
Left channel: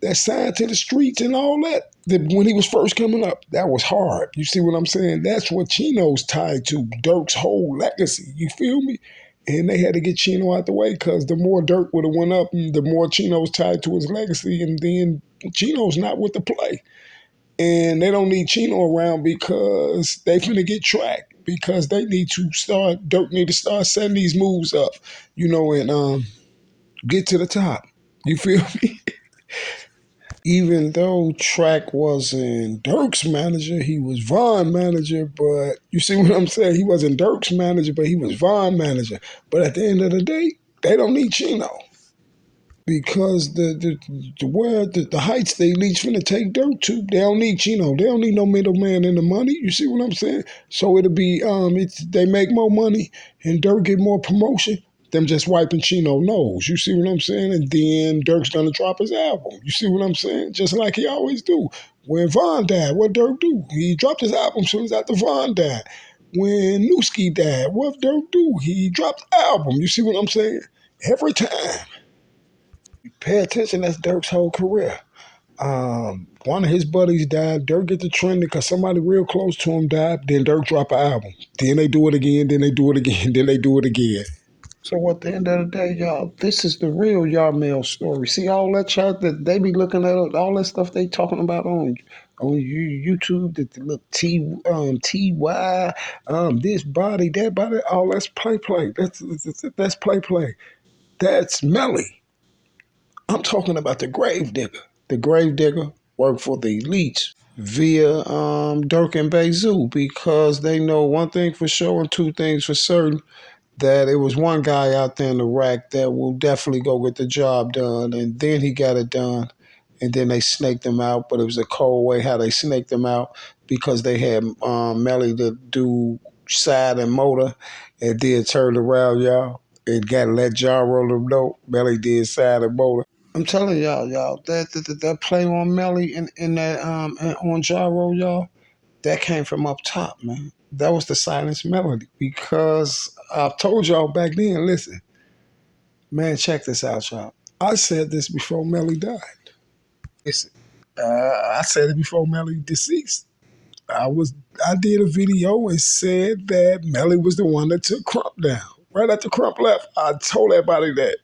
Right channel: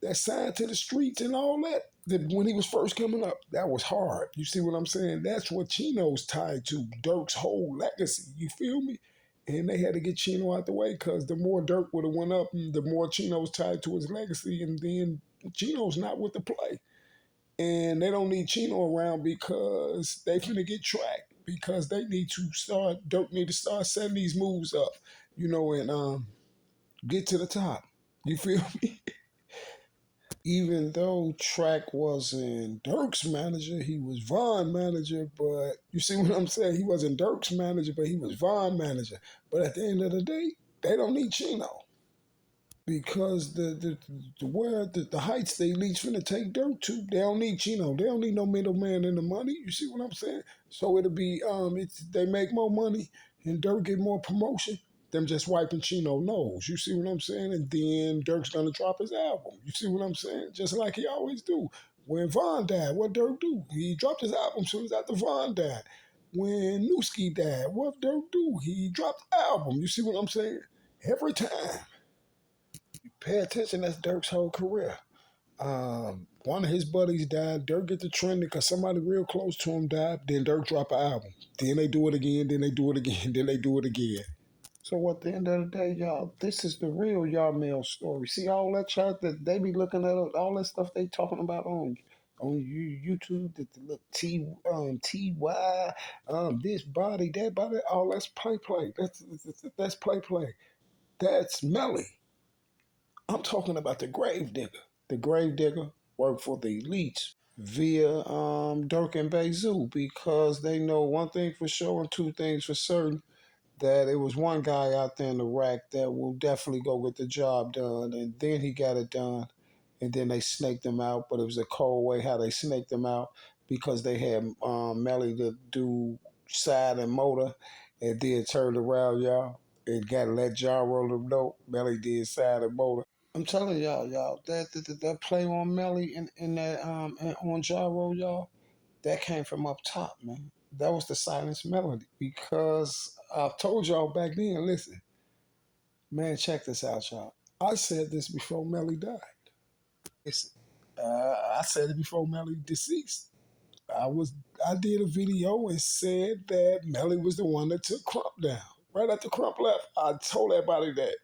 That signed to the streets and all that. When he was first coming up, that was hard. You see what I'm saying? That's what Chino's tied to. Dirk's whole legacy. You feel me? And they had to get Chino out the way because the more Dirk would have went up, the more Chino's tied to his legacy. And then Chino's not with the play. And they don't need Chino around because they finna get tracked. Because they need to start, Dirk need to start setting these moves up, you know, and get to the top. You feel me? Even though Track wasn't Dirk's manager, he was Von manager. But you see what I'm saying? He wasn't Dirk's manager, but he was Von manager. But at the end of the day, they don't need Chino. Because the heights they least finna take Dirk to, they don't need Chino. They don't need no middleman in the money. You see what I'm saying? So it'll be they make more money and Dirk get more promotion. them just wiping Chino nose. You see what I'm saying? And then Dirk's gonna drop his album. You see what I'm saying? Just like he always do. When Von died, what Dirk do? He dropped his album soon as after Von died. When Newski died, what Dirk do? He dropped the album. You see what I'm saying? Every time. Pay attention, that's Dirk's whole career. One of his buddies died. Dirk get to trending because somebody real close to him died. Then Dirk drop an album. Then they do it again. Then they do it again. Then they do it again. So at the end of the day, y'all, this is the real YarMel story. See all that chat that they be looking at, all that stuff they talking about on YouTube, that look Ty, this body, that body, all that's play. That's play. That's Melly. I'm talking about the grave digger. The grave digger worked for the elites via Dirk and Bazoo because they know one thing for sure and two things for certain, that it was one guy out there in the rack that will definitely go get the job done, and then he got it done, and then they snaked him out, but it was a cold way how they snaked him out because they had Melly to do side and motor, and then turned around, y'all, and got to let John roll them know Melly did side and motor. I'm telling y'all, that play on Melly in that and on Gyro, y'all, that came from up top, man. That was the silence melody because I've told y'all back then. Listen, man, check this out, y'all. I said this before Melly died. Listen, I said it before Melly deceased. I did a video and said that Melly was the one that took Crump down. Right after Crump left, I told everybody that.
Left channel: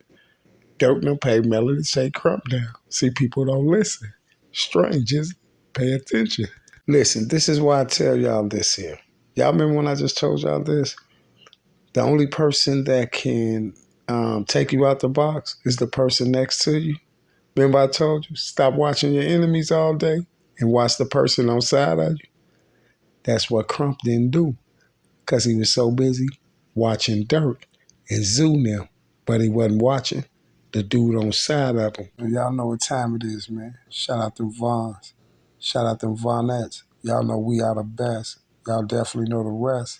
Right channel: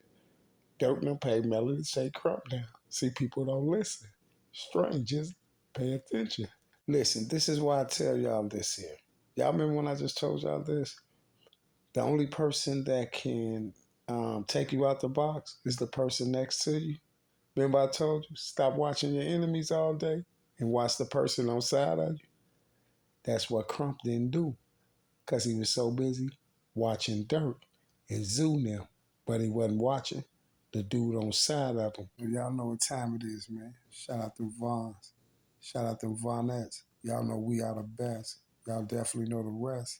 Don't no pay Melly to say Crump down. See, people don't listen. Strangers, pay attention. Listen, this is why I tell y'all this here. Y'all remember when I just told y'all this? The only person that can take you out the box is the person next to you. Remember I told you, stop watching your enemies all day and watch the person on side of you? That's what Crump didn't do because he was so busy watching Dirk and Zoo them, but he wasn't watching the dude on side of him. Y'all know what time it is, man. Shout out them Vons. Shout out them Vonettes. Y'all know we are the best. Y'all definitely know the rest.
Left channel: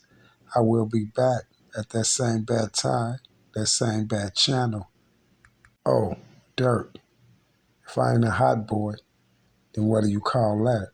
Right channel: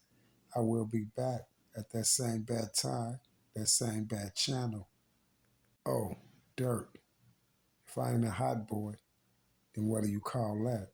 I will be back at that same bad time, that same bad channel. Oh, Dirk, if I ain't a hot boy, then what do you call that?